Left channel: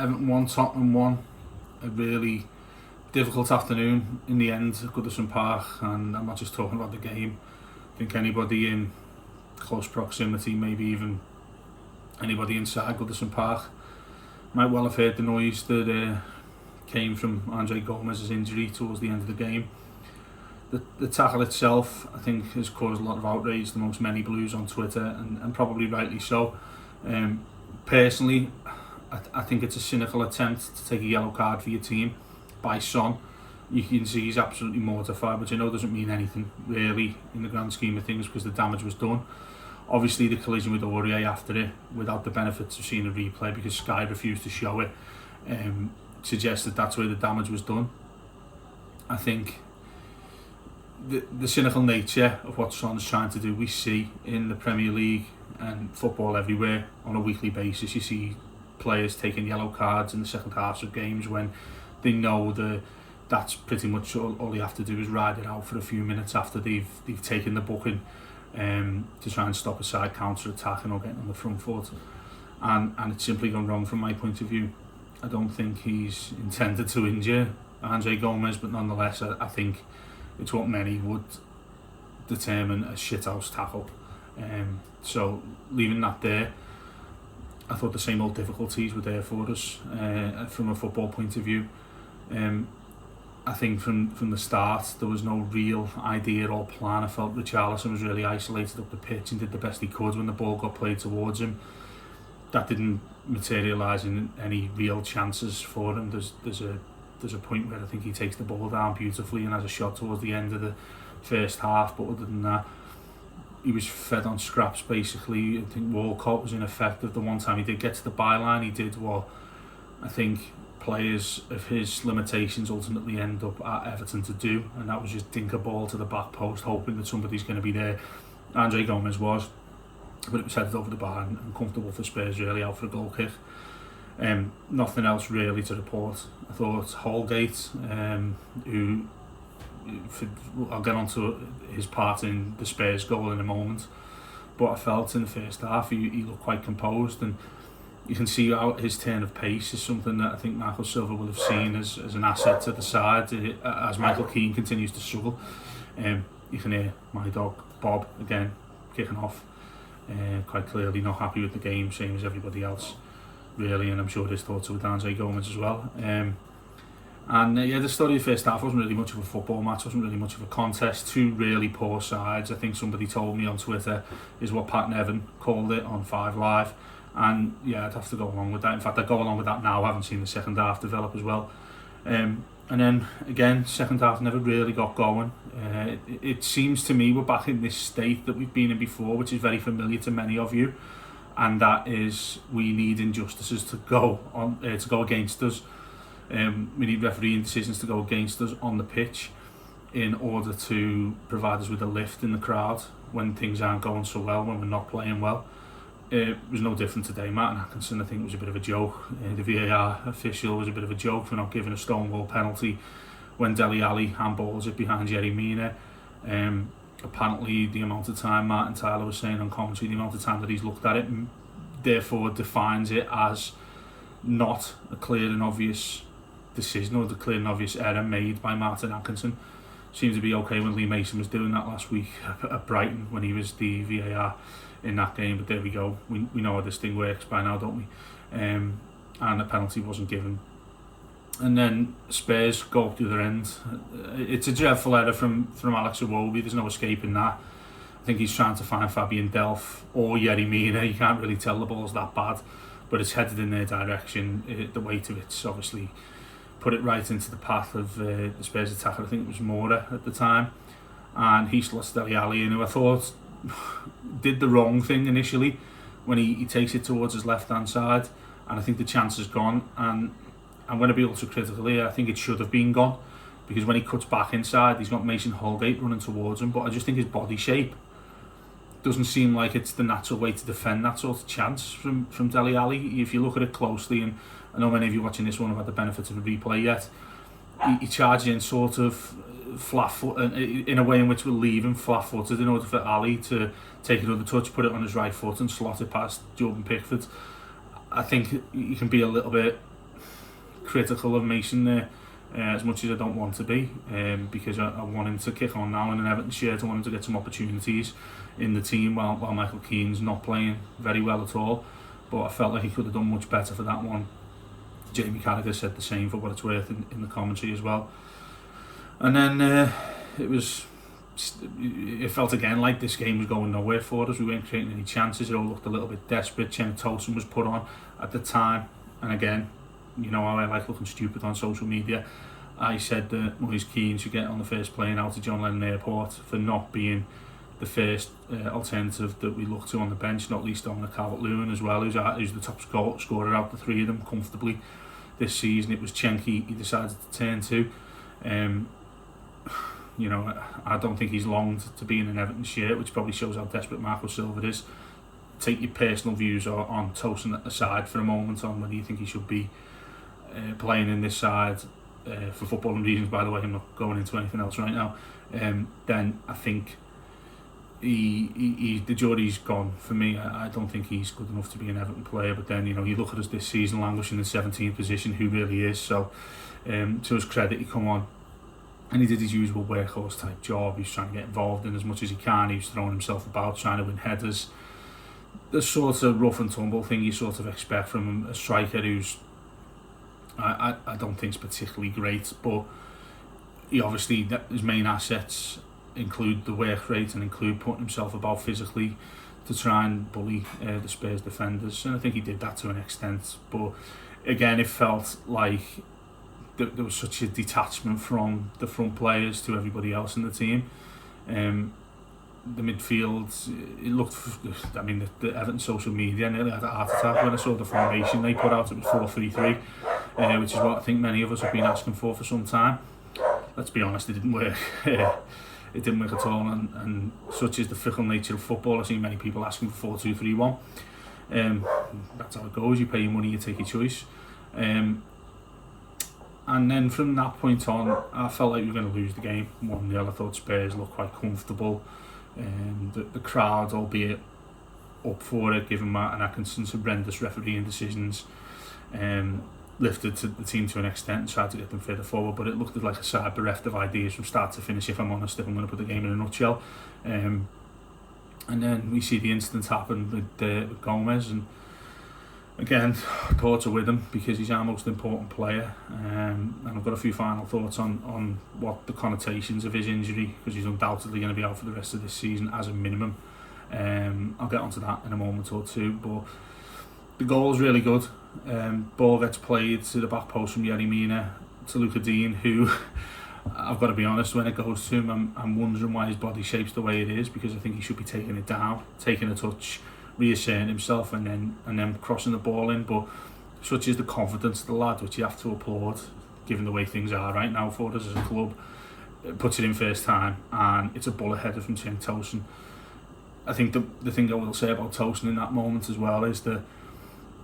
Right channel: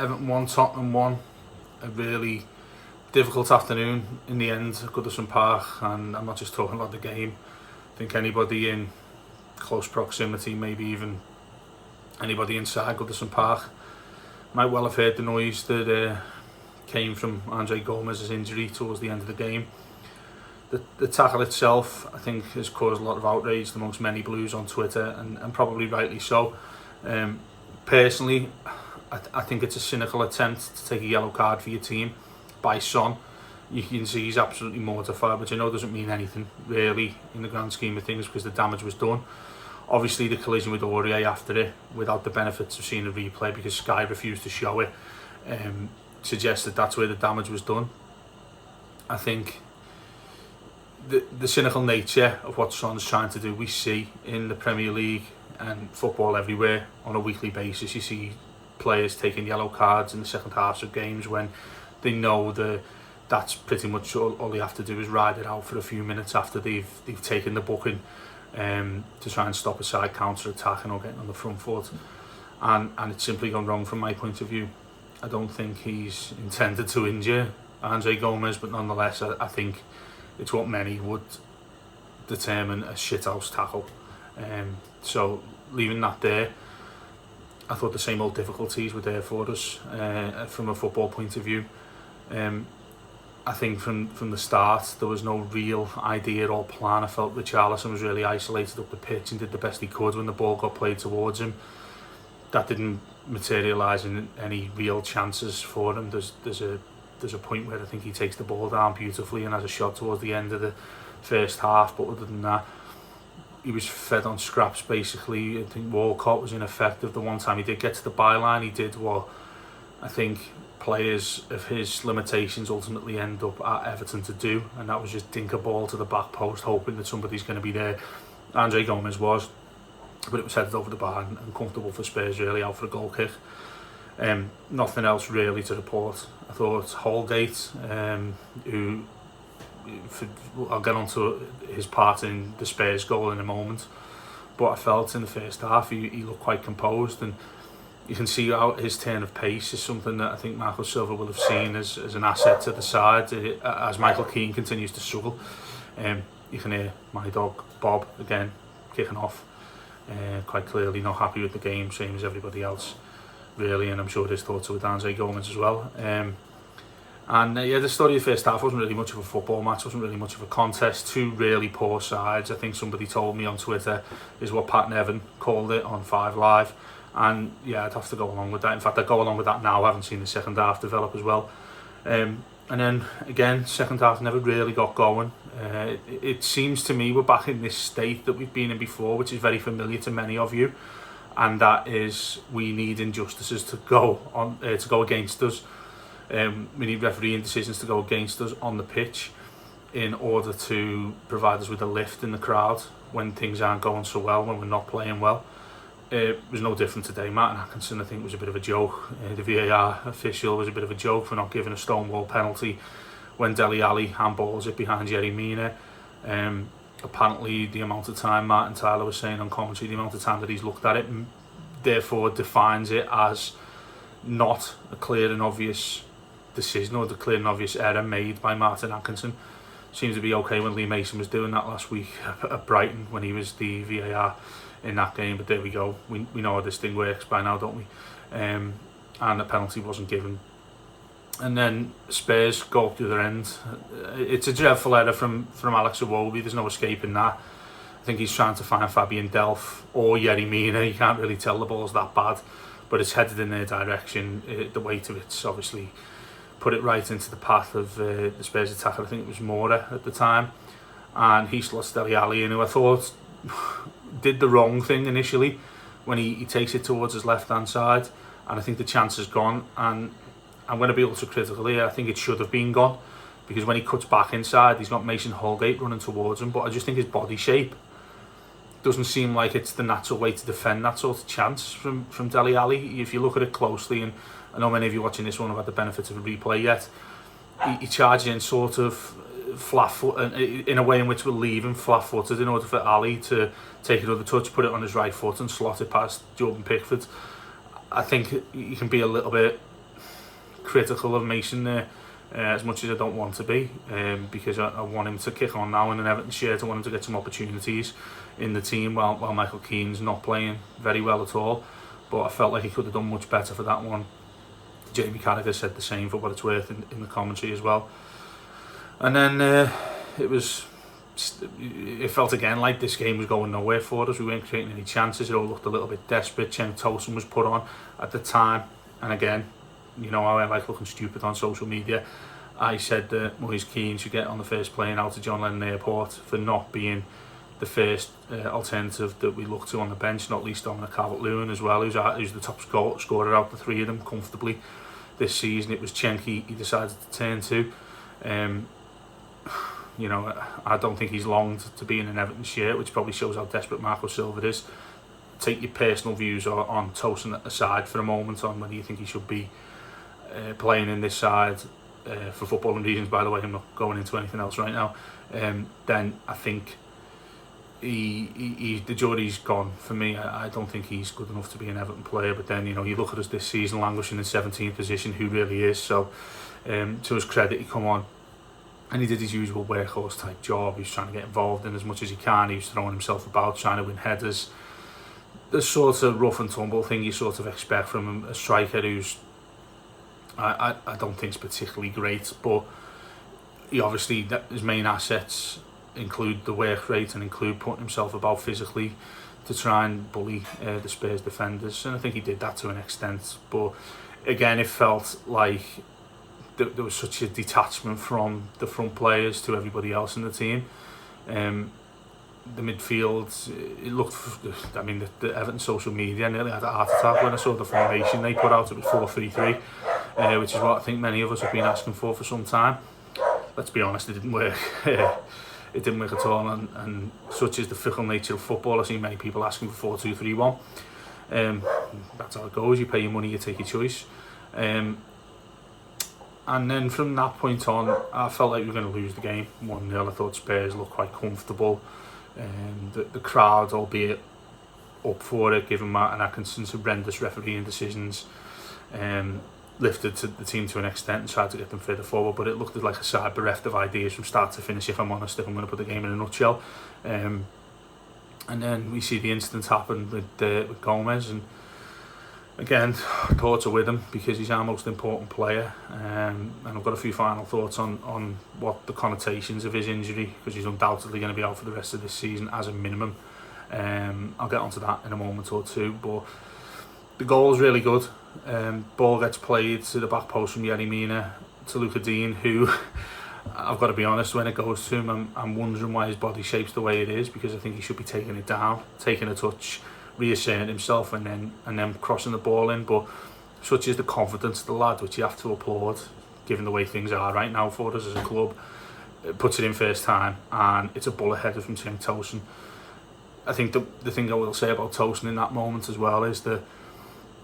Everton 1, Tottenham 1. A really difficult afternoon in the end at Goodison Park, and I'm not just talking about the game. I think anybody in close proximity, maybe even anybody inside Goodison Park, might well have heard the noise that came from Andre Gomez's injury towards the end of the game. The tackle itself, I think, has caused a lot of outrage amongst many Blues on Twitter, and probably rightly so. Personally, I think it's a cynical attempt to take a yellow card for your team by Son. You can see he's absolutely mortified, which I know doesn't mean anything really in the grand scheme of things because the damage was done. Obviously the collision with Aurier after it, without the benefits of seeing a replay because Sky refused to show it, suggests that that's where the damage was done. I think the cynical nature of what Son's trying to do, we see in the Premier League and football everywhere on a weekly basis. You see players taking yellow cards in the second halves of games when they know that's pretty much all they have to do is ride it out for a few minutes after they've taken the booking, to try and stop a side counter attacking or getting on the front foot, and it's simply gone wrong from my point of view. I don't think he's intended to injure Andre Gomez, but nonetheless I think it's what many would determine a shithouse tackle. So leaving that there, I thought the same old difficulties were there for us from a football point of view. I think from the start there was no real idea or plan. I felt Richarlison was really isolated up the pitch and did the best he could when the ball got played towards him. That didn't materialise in any real chances for him. There's a point where I think he takes the ball down beautifully and has a shot towards the end of the first half, but other than that he was fed on scraps basically. I think Walcott was ineffective. The one time he did get to the byline, he did what I think players of his limitations ultimately end up at Everton to do, and that was just dink a ball to the back post hoping that somebody's going to be there. Andre Gomez was, but it was headed over the bar and comfortable for Spurs really out for a goal kick. Nothing else really to report. I thought Holgate, who I'll get onto his part in the Spurs goal in a moment, but I felt in the first half he looked quite composed, and you can see how his turn of pace is something that I think Marco Silva will have seen as an asset to the side as Michael Keane continues to struggle. You can hear my dog Bob again kicking off, quite clearly not happy with the game, same as everybody else really, and I'm sure his thoughts are with Andre Gomez as well. The story of the first half wasn't really much of a football match, wasn't really much of a contest. Two really poor sides. I think somebody told me on Twitter is what Pat Nevin called it on 5 Live, and yeah, I'd have to go along with that. In fact, I'd go along with that now. I haven't seen the second half develop as well. And then again, second half never really got going. It seems to me we're back in this state that we've been in before, which is very familiar to many of you, and that is we need injustices to go against us. We need refereeing decisions to go against us on the pitch in order to provide us with a lift in the crowd when things aren't going so well, when we're not playing well. It was no different today. Martin Atkinson, I think, was a bit of a joke. The VAR official was a bit of a joke for not giving a stonewall penalty when Dele Alli handballs it behind Yerry Mina. Apparently the amount of time, Martin Tyler was saying on commentary, the amount of time that he's looked at it therefore defines it as not a clear and obvious decision or the clear and obvious error made by Martin Atkinson. Seems to be okay when Lee Mason was doing that last week at Brighton when he was the VAR in that game, but there we go. We know how this thing works by now, don't we? And the penalty wasn't given. And then Spurs go up the other end. It's a dreadful error from Alex Iwobi. There's no escaping that. I think he's trying to find Fabian Delph or Yerry Mina. You can't really tell the ball's that bad, but it's headed in their direction. The weight of it's obviously put it right into the path of the Spurs attacker. I think it was Mora at the time, and he slots Dele Alli in, who I thought did the wrong thing initially when he takes it towards his left hand side, and I think the chance is gone. And I'm going to be ultra critical here. I think it should have been gone, because when he cuts back inside, he's got Mason Holgate running towards him, but I just think his body shape doesn't seem like it's the natural way to defend that sort of chance from Dele Alli. If you look at it closely, and I know many of you watching this won't have had the benefit of a replay yet, he charges in sort of flat foot, in a way in which will leave him flat-footed in order for Ali to take another touch, put it on his right foot and slot it past Jordan Pickford. I think he can be a little bit critical of Mason there, as much as I don't want to be, because I want him to kick on now in an Everton shirt. I want him to get some opportunities in the team while Michael Keane's not playing very well at all. But I felt like he could have done much better for that one. Jamie Carragher said the same, for what it's worth, in the commentary as well. And then it felt again like this game was going nowhere for us. We weren't creating any chances. It all looked a little bit desperate. Cenk Tosun was put on at the time, and again, you know how I like looking stupid on social media. I said that Moise Keane should get on the first plane out of John Lennon Airport for not being the first alternative that we look to on the bench, not least on Calvert-Lewin as well, who's the top scorer out of the three of them comfortably this season. It was Cenk he decided to turn to. You know, I don't think he's longed to be in an Everton shirt, which probably shows how desperate Marco Silva is. Take your personal views on Tosun aside for a moment on whether you think he should be playing in this side for footballing reasons. By the way, I'm not going into anything else right now. Then I think the jury's gone for me. I don't think he's good enough to be an Everton player. But then, you know, you look at us this season languishing in 17th position, who really is. So to his credit, he come on and he did his usual workhorse type job. He was trying to get involved in as much as he can. He was throwing himself about, trying to win headers. The sort of rough and tumble thing you sort of expect from a striker who's I don't think is particularly great, but he obviously, his main assets include the work rate and include putting himself about physically to try and bully the Spurs defenders, and I think he did that to an extent. But again, it felt like there was such a detachment from the front players to everybody else in the team. The midfield, it looked, I mean, the Everton social media nearly had a heart attack when I saw the formation they put out. It was 4-3-3, which is what I think many of us have been asking for some time. Let's be honest, it didn't work. It didn't work at all, and such is the fickle nature of football. I see many people asking for 4-2-3-1. That's how it goes. You pay your money, you take your choice. And then from that point on, I felt like we were going to lose the game 1-0. I thought Spurs looked quite comfortable. The crowd, albeit up for it, given Martin Atkinson's horrendous refereeing decisions, lifted to the team to an extent and tried to get them further forward. But it looked like a side bereft of ideas from start to finish, if I'm honest, if I'm going to put the game in a nutshell. And then we see the incident happen with Gomez, and again, thoughts are with him because he's our most important player. And I've got a few final thoughts on what the connotations of his injury, because he's undoubtedly going to be out for the rest of this season as a minimum. I'll get onto that in a moment or two. But the goal is really good. Ball gets played to the back post from Yerry Mina to Luca Dean, who, I've got to be honest, when it goes to him, I'm wondering why his body shape's the way it is, because I think he should be taking it down, taking a touch, reasserting himself, and then crossing the ball in. But such is the confidence of the lad, which you have to applaud, given the way things are right now for us as a club. Puts it in first time, and it's a bullet header from Cenk Tosun. I think the thing I will say about Tosun in that moment as well is that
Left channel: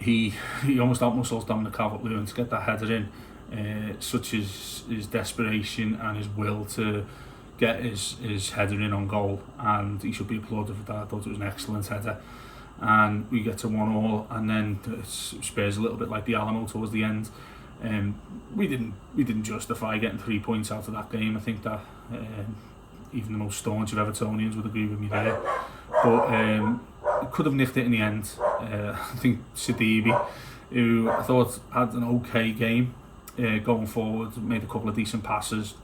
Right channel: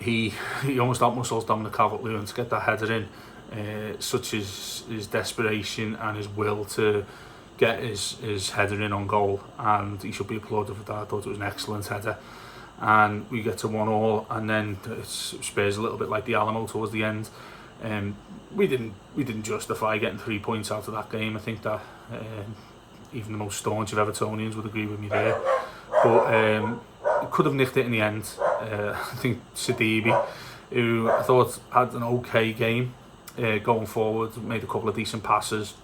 he almost outmuscles down the Calvert-Lewin to get that header in. Such is his desperation and his will to get his header in on goal, and he should be applauded for that. I thought it was an excellent header. And we get to 1-1, and then it's Spurs a little bit like the Alamo towards the end. We didn't justify getting 3 points out of that game. I think that even the most staunch of Evertonians would agree with me there. But could have nicked it in the end. I think Sidibe, who I thought had an okay game going forward, made a couple of decent passes.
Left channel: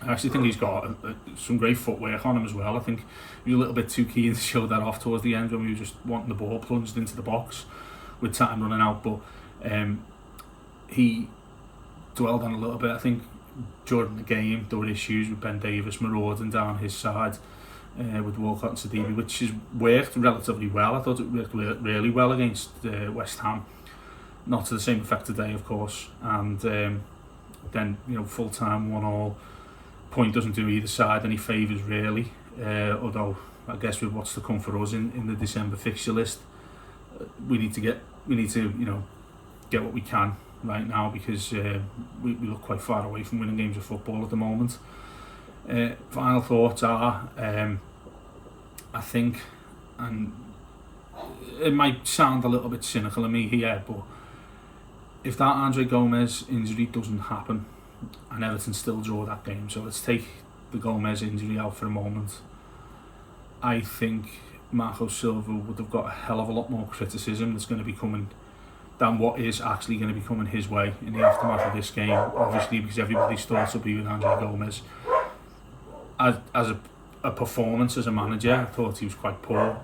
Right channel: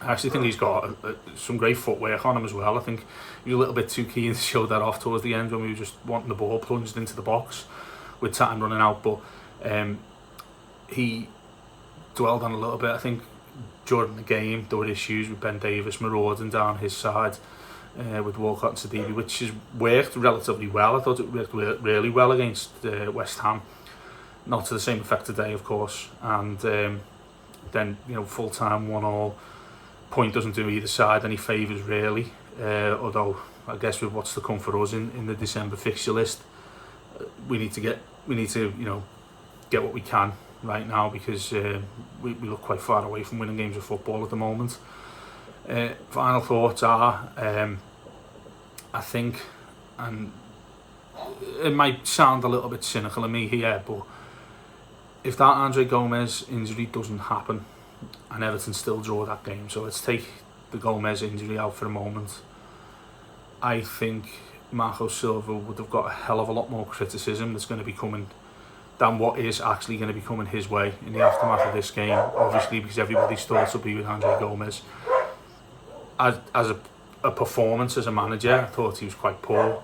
I actually think he's got some great footwork on him as well. I think he was a little bit too keen to show that off towards the end when we were just wanting the ball plunged into the box with time running out. But he dwelled on a little bit. I think during the game there were issues with Ben Davies marauding down his side with Walcott and Sidibe, which has worked relatively well. I thought it worked really well against West Ham. Not to the same effect today, of course. And then, you know, full time 1-1. Point doesn't do either side any favours really. Although I guess with what's to come for us in the December fixture list, we need to you know, get what we can right now, because we look quite far away from winning games of football at the moment. Final thoughts are, I think, and it might sound a little bit cynical of me here, but if that Andre Gomez injury doesn't happen and Everton still draw that game, so let's take the Gomez injury out for a moment, I think Marco Silva would have got a hell of a lot more criticism that's going to be coming than what is actually going to be coming his way in the aftermath of this game, obviously, because everybody's thoughts will be with Andre Gomez. As a performance as a manager, I thought he was quite poor.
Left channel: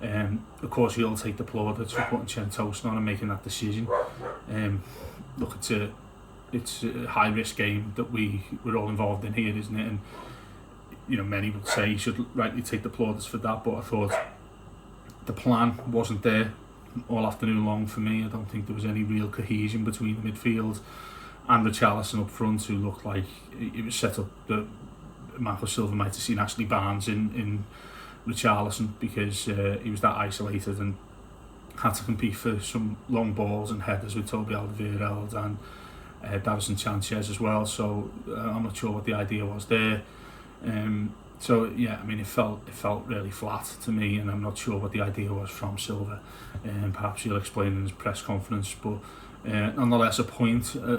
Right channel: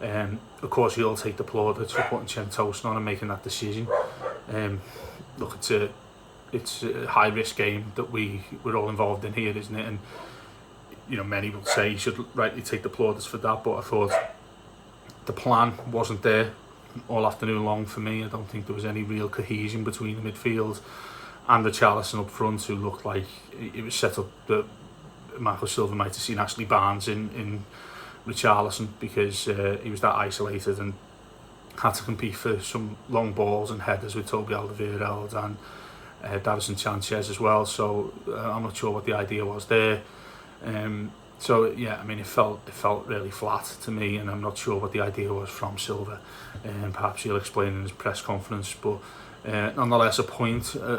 Of course, he'll take the plaudits for putting Chen Toast on and making that decision. Look, it's a high risk game that we're all involved in here, isn't it? And you know, many would say he should rightly take the plaudits for that, but I thought the plan wasn't there all afternoon long for me. I don't think there was any real cohesion between the midfield and Richarlison up front, who looked like it was set up that Marco Silva might have seen Ashley Barnes in Richarlison, because he was that isolated and had to compete for some long balls and headers with Toby Alderweireld and Davison Sanchez as well. So I'm not sure what the idea was there. So yeah, I mean, it felt really flat to me, and I'm not sure what the idea was from Silva. Perhaps he'll explain in his press conference, but nonetheless, a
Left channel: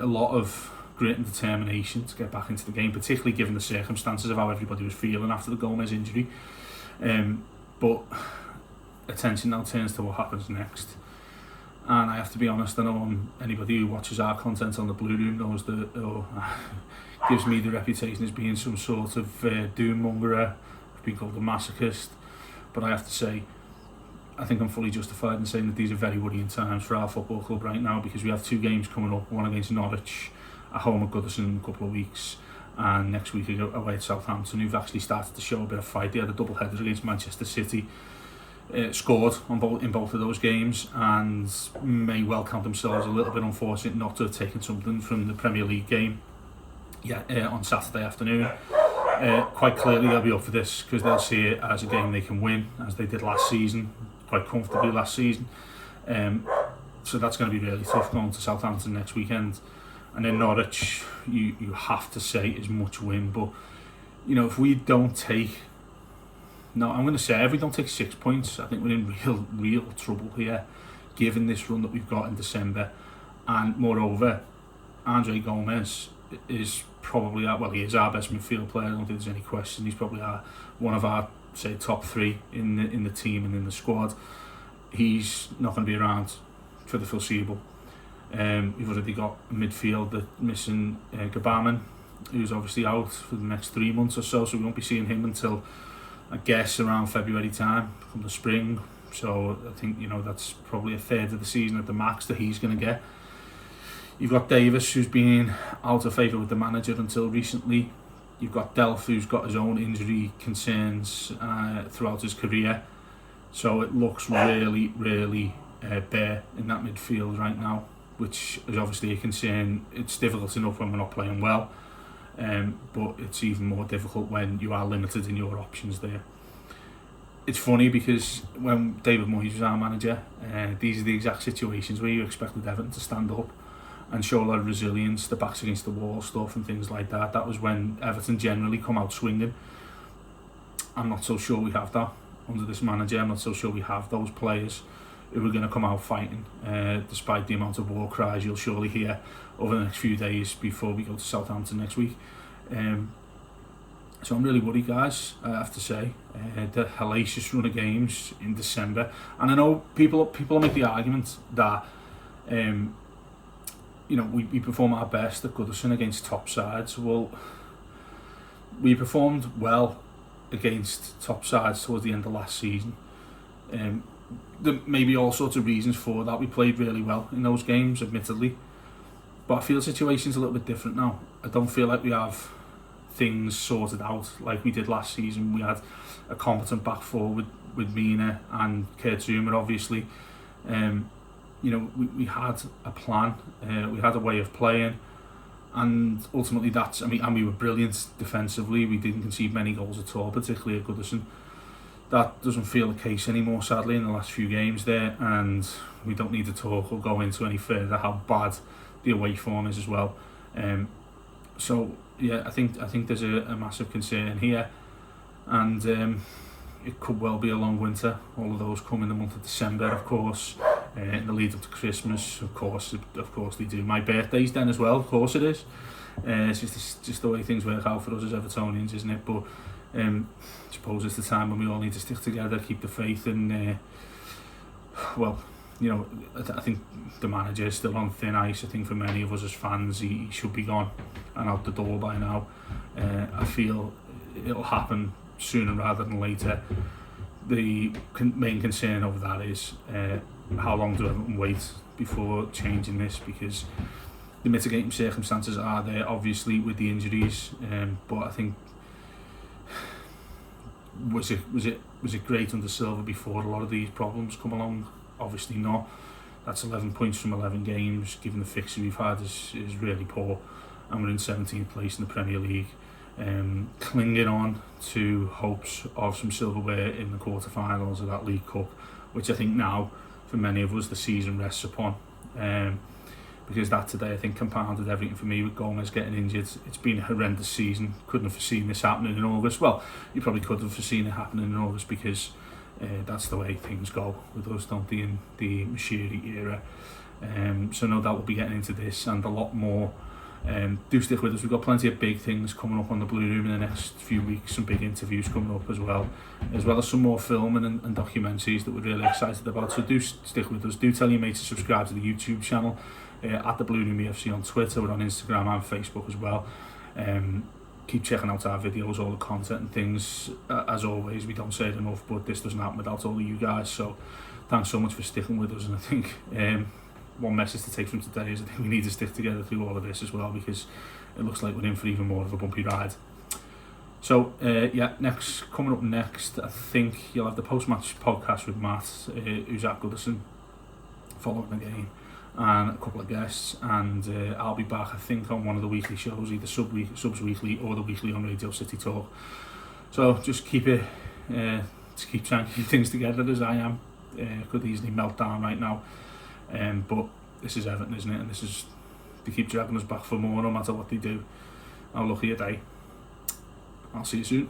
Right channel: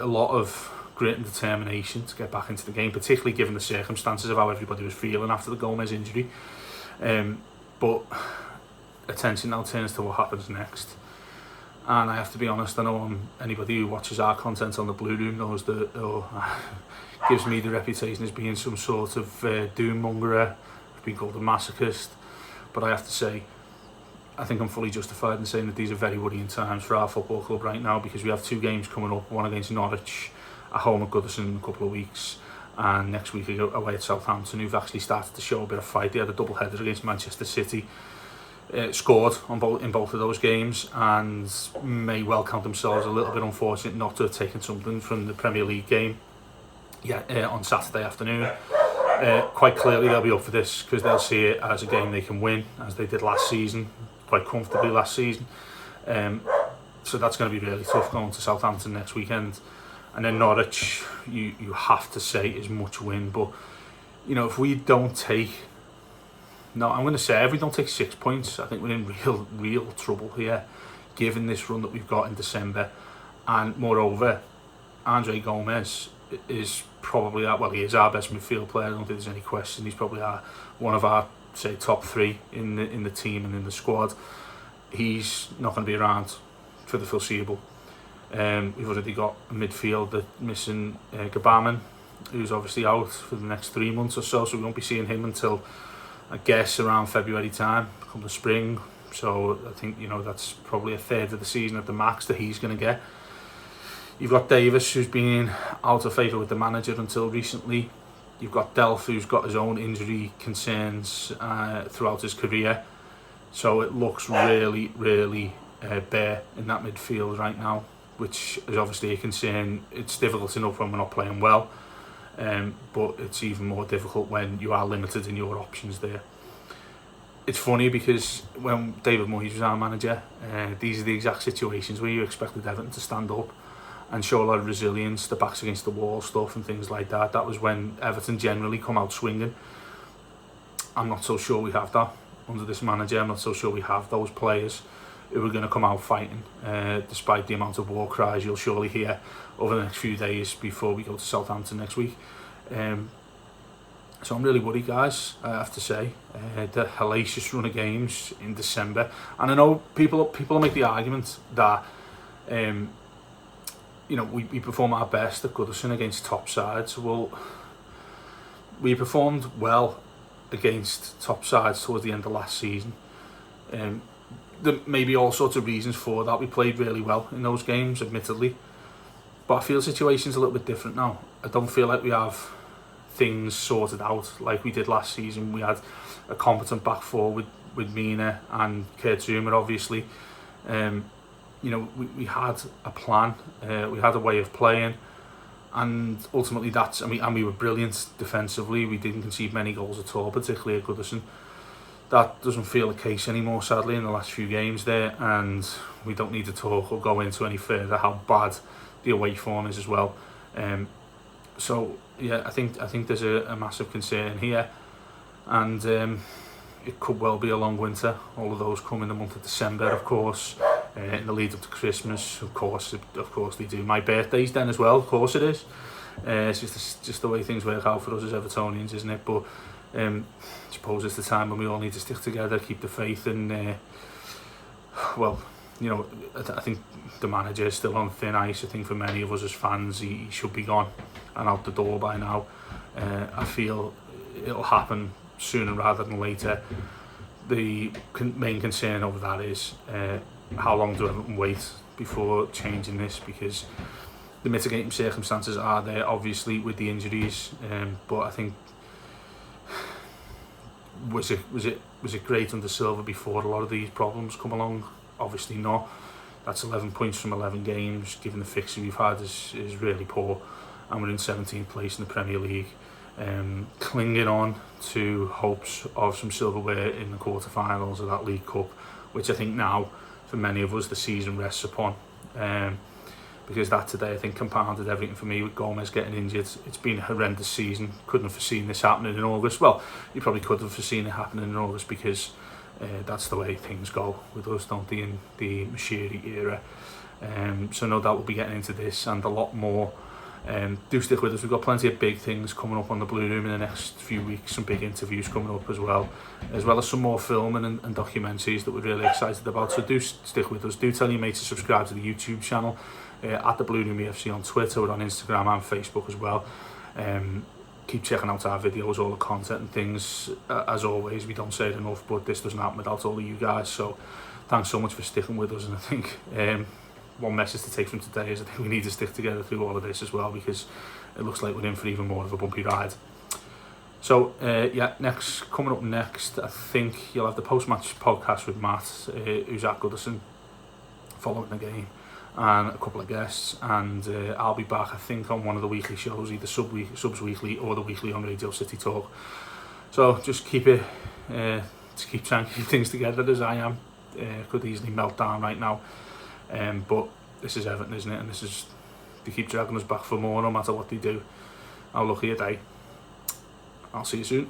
lot of grit and determination to get back into the game, particularly given the circumstances of how everybody was feeling after the Gomez injury. But attention now turns to what happens next. And I have to be honest, I know anybody who watches our content on the Blue Room knows that, gives me the reputation as being some sort of doom mongerer. I've been called a masochist, but I have to say, I think I'm fully justified in saying that these are very worrying times for our football club right now, because we have two games coming up, one against Norwich at home at Goodison in a couple of weeks, and next week away at Southampton, who've actually started to show a bit of fight. They had a double header against Manchester City, scored in both of those games, and may well count themselves a little bit unfortunate not to have taken something from the Premier League game on Saturday afternoon. Quite clearly they'll be up for this, because they'll see it as a game they can win, as they did last season, quite comfortably last season. So that's going to be really tough going to Southampton next weekend. And then Norwich, you have to say, is much win. But you know, if we don't take, I'm going to say, if we don't take 6 points, I think we're in real trouble here, given this run that we've got in December. And moreover, Andre Gomez is probably he is our best midfield player. I don't think there's any question. He's probably one of our, say, top three in the team and in the squad. He's not going to be around for the foreseeable. We've already got a midfield that's missing Gabaman, who's obviously out for the next 3 months or so we won't be seeing him until, I guess, around February time, come the spring. So I think, you know, that's probably a third of the season at the max that he's going to get. You've got Davis, who's been out of favour with the manager until recently. You've got Delph, who's got his own injury concerns throughout his career. So it looks really bare in that midfield right now, which is obviously a concern. It's difficult enough when we're not playing well, but it's even more difficult when you are limited in your options there. It's funny because when David Moyes was our manager, these are the exact situations where you expected Everton to stand up and show a lot of resilience, the backs against the wall stuff and things like that. That was when Everton generally come out swinging. I'm not so sure we have that under this manager. I'm not so sure we have those players who are going to come out fighting, despite the amount of war cries you'll surely hear over the next few days before we go to Southampton next week. So I'm really worried, guys, I have to say. The hellacious run of games in December. And I know people make the argument that you know, we perform our best at Goodison against top sides. Well, we performed well against top sides towards the end of last season. There may be all sorts of reasons for that. We played really well in those games, admittedly. But I feel the situation's a little bit different now. I don't feel like we have things sorted out like we did last season. We had a competent back four with Mina and Kurt Zouma, obviously. You know, we had a plan, we had a way of playing, and ultimately and we were brilliant defensively. We didn't concede many goals at all, particularly at Goodison. That doesn't feel the case anymore, sadly, in the last few games there, and we don't need to talk or go into any further how bad the away form is as well. So yeah, I think there's a massive concern here, and it could well be a long winter. All of those come in the month of December, of course. in the lead up to Christmas. Of course they do. My birthday's then as well, of course it is. It's just the way things work out for us as Evertonians, isn't it? But I suppose it's the time when we all need to stick together, keep the faith, and well, you know, I think the manager is still on thin ice. I think for many of us as fans, he should be gone and out the door by now. I feel it'll happen sooner rather than later. The main concern over that is how long do Everton wait before changing this, because the mitigating circumstances are there, obviously, with the injuries, but I think was it great under Silva before a lot of these problems come along? Obviously not. That's 11 points from 11 games, given the fixture we've had, is really poor, and we're in 17th place in the Premier League. Clinging on to hopes of some silverware in the quarterfinals of that League Cup, which I think now, for many of us, the season rests upon. Because that today, I think, compounded everything for me with Gomez getting injured. It's been a horrendous season. Couldn't have foreseen this happening in August. Well, you probably could have foreseen it happening in August, because that's the way things go with us, don't they, in the Mashiri era. So no doubt we'll be getting into this and a lot more. Do stick with us. We've got plenty of big things coming up on the Blue Room in the next few weeks, some big interviews coming up as well as some more filming and documentaries that we're really excited about. So do stick with us. Do tell your mates to subscribe to the YouTube channel, at the Blue Room EFC on Twitter. We're on Instagram and Facebook as well. Keep checking out our videos, all the content and things. As always, we don't say it enough, but this doesn't happen without all of you guys. So thanks so much for sticking with us. And I think one message to take from today is I think we need to stick together through all of this as well, because it looks like we're in for even more of a bumpy ride. So yeah, coming up next, I think you'll have the post-match podcast with Matt, who's at Goodison, following the game, and a couple of guests, and I'll be back, I think, on one of the weekly shows, either Subs Weekly or the weekly on Radio City Talk. So just keep trying to keep things together as I am. Could easily melt down right now, but this is Everton, isn't it? And this is, they keep dragging us back for more no matter what they do. I'll look at your day. I'll see you soon.